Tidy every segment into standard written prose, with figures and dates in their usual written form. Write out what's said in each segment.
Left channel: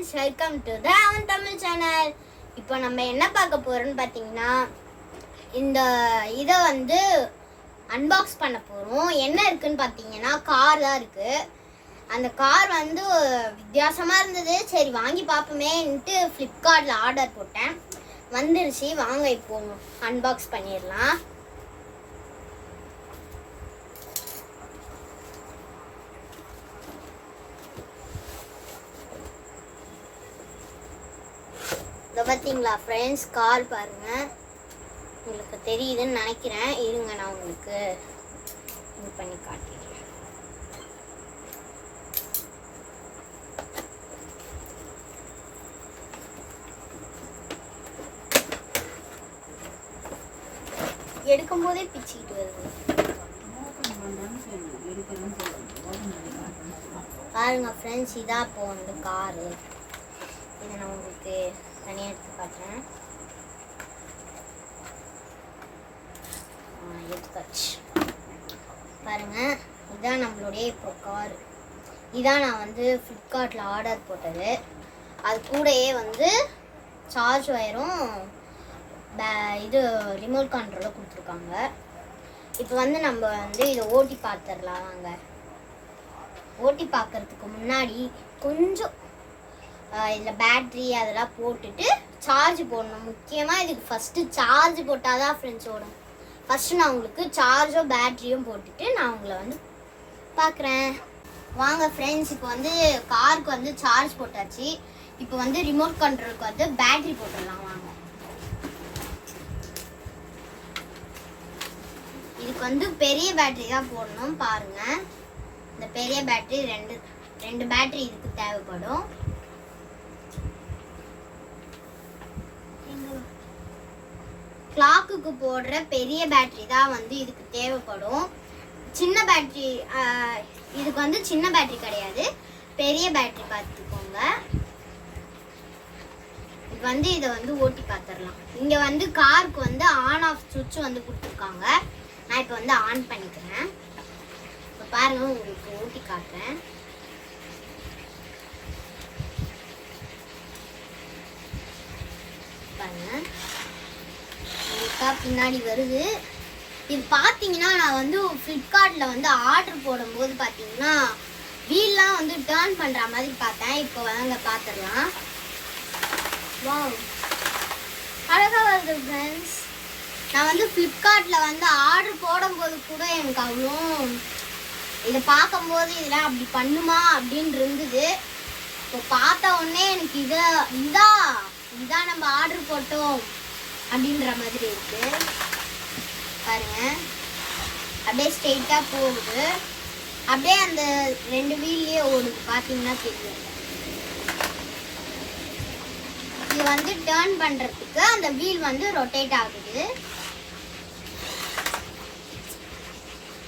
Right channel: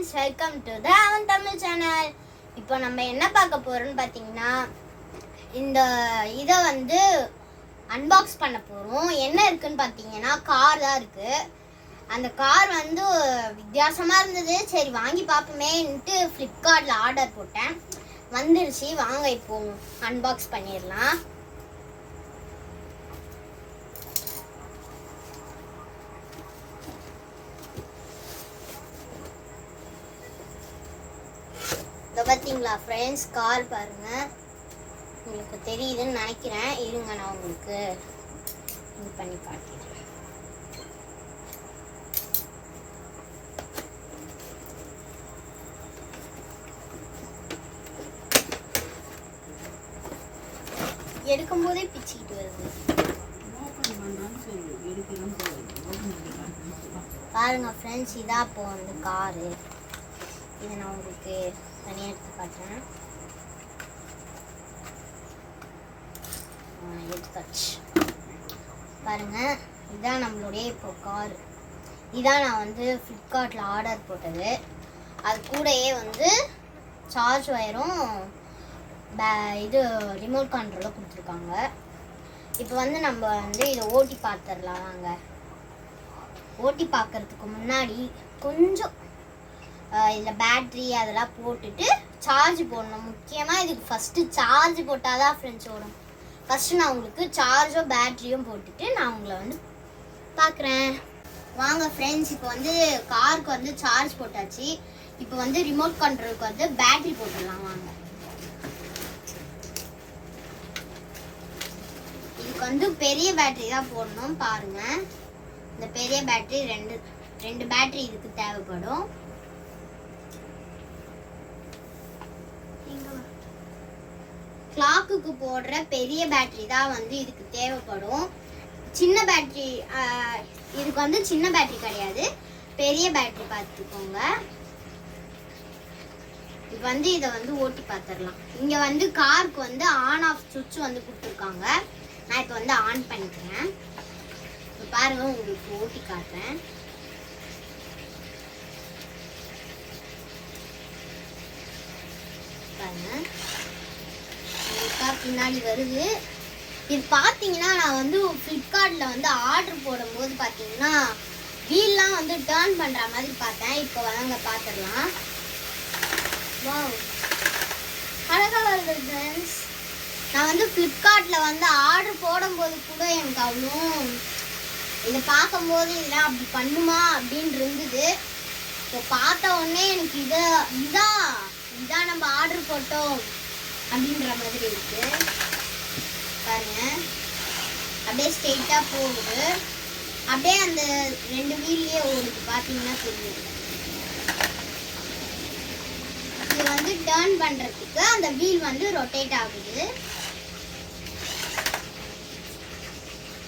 Friends, welcome to the அவன் Tamil channel. இப்போ நம்ம என்ன பார்க்க போகிறோம்னு பார்த்தீங்கன்னா, இந்த இதை வந்து அன்பாக்ஸ் பண்ண போகிறோம். என்ன இருக்குன்னு பார்த்தீங்கன்னா, கார் தான் இருக்குது. அந்த கார் வந்து வித்தியாசமாக இருந்தது. சரி வாங்கி பார்ப்போமேன்ட்டு ஃப்ளிப்கார்ட்டில் ஆர்டர் போட்டேன். வந்துருச்சு. வாங்க இப்போ அன்பாக்ஸ் பண்ணிடலாம். பார்த்தீங்களா ஃப்ரெண்ட்ஸ், கார் பாருங்க. உங்களுக்கு தெரியுதுன்னு நினைக்கிறேன். இருங்க, நான் உங்களுக்கு இது பண்ணி காட்டிடுறேன். எடுக்கும் போதே பிச்சுக்கிட்டு வருது பாருங்க ஃப்ரெண்ட்ஸ். இதான் இப்போ வந்து காரு. இதை நான் உங்களுக்கு தனியாக எடுத்து காட்டுறேன். எடுத்தாச்சு பாருங்க. இதுதான் நம்மளுடைய இப்போ கார். இதான் நான் வந்து ஃப்ளிப்கார்ட்டில் ஆர்டர் போட்டது. அது கூடயே வந்து சார்ஜ் ஒயரும் இது ரிமோட் கண்ட்ரோலும் கொடுத்துருக்காங்க. இப்போ வந்து நம்ம வந்து இதை ஓட்டி பார்த்துடலாம். நாங்கள் ஓட்டி பார்க்கறதுக்கு முன்னாடி கொஞ்சம் இதில் பேட்ரி அதெல்லாம் போட்டுட்டு சார்ஜ் போடணும். முக்கியமாக இதுக்கு ஃபஸ்ட்டு சார்ஜ் போட்டால் தான் ஃப்ரெண்ட்ஸ் ஓடும். ஃபஸ்ட்டு நான் உங்களுக்கு சார்ஜும் பேட்ரியும் போட்டுட்டு நான் உங்களை வந்து பார்க்குறேன். வாங்க ஃப்ரெண்ட்ஸ், இப்போ வந்து காருக்கு வந்து சார்ஜ் போட்டாச்சு. இப்போ வந்து ரிமோட் கண்ட்ரோலுக்கு வந்து பேட்ரி போட்டுடலாம். வாங்க. இதுக்கு வந்து பெரிய பேட்ரி தான் போடணும். பாருங்கள், இந்த பெரிய பேட்ரி ரெண்டு பேட்ரி இதுக்கு தேவைப்படும். கிளாக்குக்கு போடுற பெரிய பேட்டரி தான் வந்து இதுக்கு தேவைப்படும். சின்ன பேட்டரி இதுக்கு வந்து சின்ன பேட்டரி கிடையாது, பெரிய பேட்டரி பார்த்துக்கோங்க. இப்போ வந்து இதை வந்து ஓட்டி பார்த்துடலாம். இங்கே வந்து காருக்கு வந்து ஆன் ஆஃப் சுவிட்ச் வந்து கொடுத்துருக்காங்க. நான் இப்போ வந்து ஆன் பண்ணிக்கிறேன். இப்போ பாருங்க, உங்களுக்கு ஓட்டி காட்டுறேன். பாருங்க, பின்னாடி வருது. இது பார்த்தீங்கன்னா, நான் வந்து ஃப்ளிப்கார்ட்டில் வந்து ஆர்டர் போடும்போது பார்த்தீங்கன்னா வீல்லாம் வந்து டேர்ன் பண்ணுற மாதிரி பார்த்தேன். இப்போ வாங்க பார்த்துடலாம். வாவ், அழகாக வருது ஃப்ரெண்ட்ஸ். நான் வந்து ஃப்ளிப்கார்ட்டில் வந்து ஆர்டர் போடும்போது கூட எனக்கு அவ்வளோ இதை பார்க்கும்போது இதெல்லாம் அப்படி பண்ணுமா அப்படின்னு இருந்தது. இப்போ பார்த்த உடனே எனக்கு இதான் நம்ம ஆர்டர் போட்டோம் அப்படின்ற மாதிரி இருக்கு. பாருங்க, அப்படியே ஸ்ட்ரெயிட்டா போகுது. அப்படியே அந்த ரெண்டு வீல்லயே ஓடுது. பார்த்தீங்கன்னா தெரியும். இது வந்து டர்ன் பண்றதுக்கு அந்த வீல் வந்து ரொட்டேட் ஆகுது.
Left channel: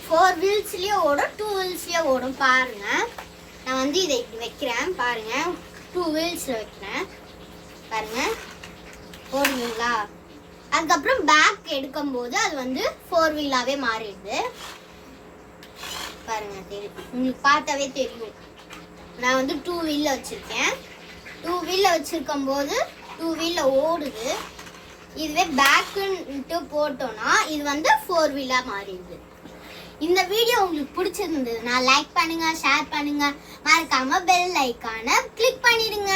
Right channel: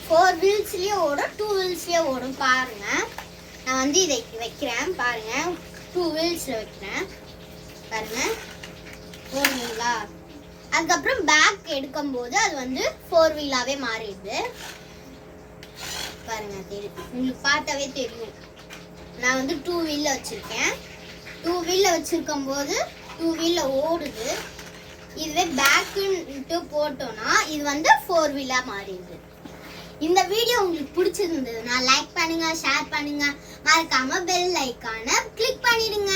4 வீல்ஸ்லயே ஓடும், 2 வீல்ஸ்லயே ஓடும். பாருங்க, நான் வந்து இதை வைக்கிறேன். பாருங்க, 2 வீல்ஸ்ல வைக்கிறேன். பாருங்க, ஓடுவீங்களா? அதுக்கப்புறம் பேக் எடுக்கும்போது அது வந்து 4 வீலாவே மாறிடுது. பாருங்க, தெரியும், உங்களுக்கு பார்த்தாவே தெரியும். நான் வந்து 2 வீல்ல வச்சிருக்கேன். 2 வீல்ல வச்சிருக்கும் போது 2 வீல்ல ஓடுது. இதுவே பேக்குன்ட்டு போட்டோம்னா இது வந்து 4 வீலா மாறிடுது. இந்த வீடியோ உங்களுக்கு பிடிச்சிருந்ததுன்னா லைக் பண்ணுங்க, ஷேர் பண்ணுங்க, மறக்காம பெல் ஐகானை கிளிக் பண்ணிடுங்க.